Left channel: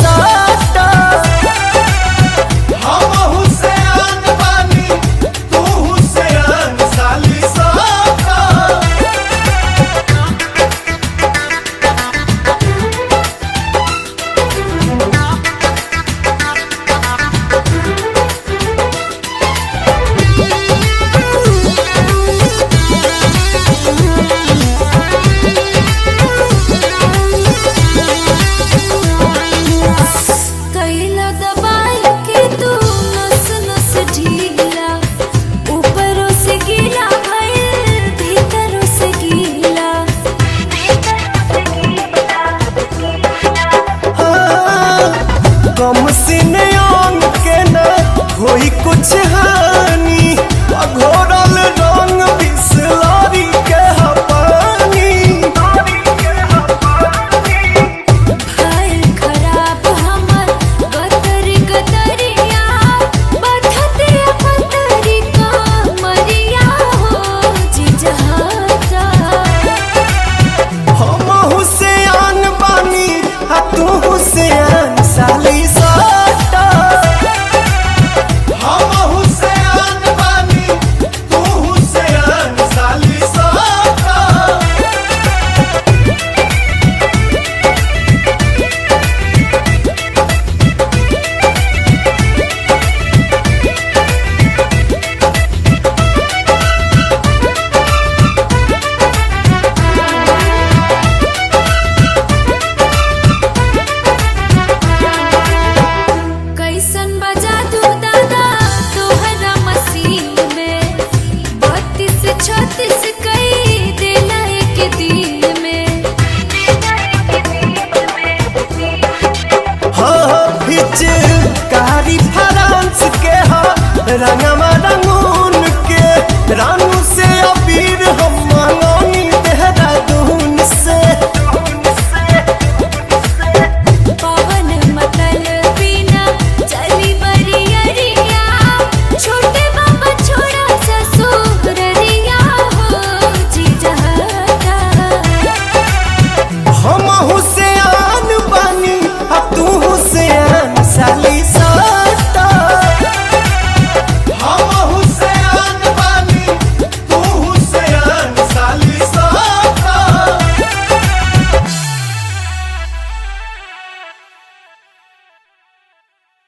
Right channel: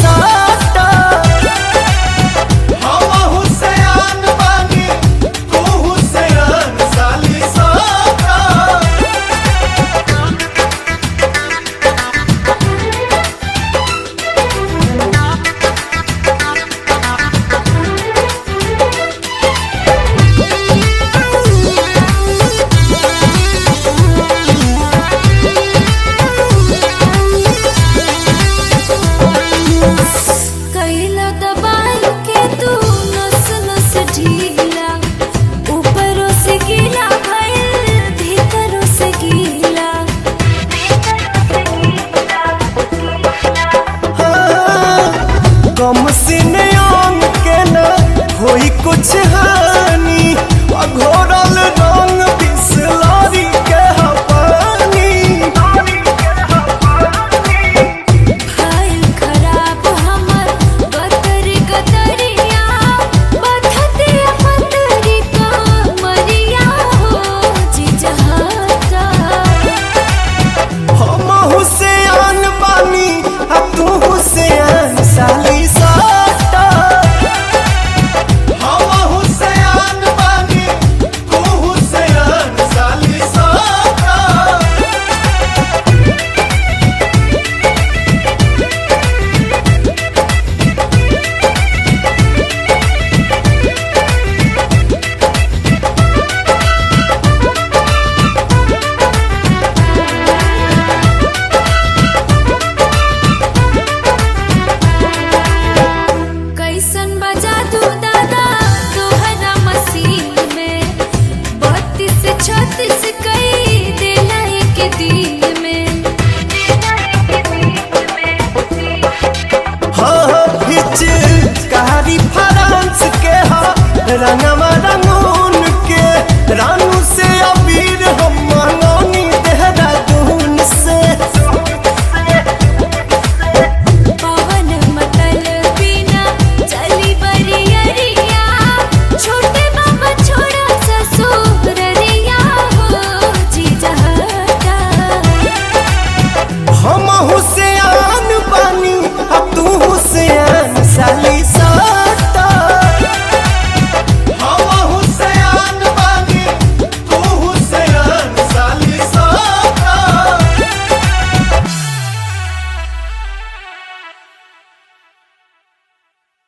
साटा। कम सीने अंग के न होई कुछ हानि, घोरल रंग बिसलरी के पानी। भइल खराब हमर गतरी गतरिया, बथतिया पतरी कमरिया हो जिजहता। हम हुसैन बानी आ तू हुसैन साली साटा। कैसन बजा दू दादा तोहरा मसीन में, 32 36 कई देला एक दिन में। हाँ हिच कारी फ्रांस के हा रंगवा रंगून के, रानू से अबीर हम मंगौनी देहरादून से। पवन मतल बिना चली बरियरिया, छोटे बाबा छोड़ा ससुररिया हो जिजहता। हम हुसैन बानी आ तू हुसैन साली साटा।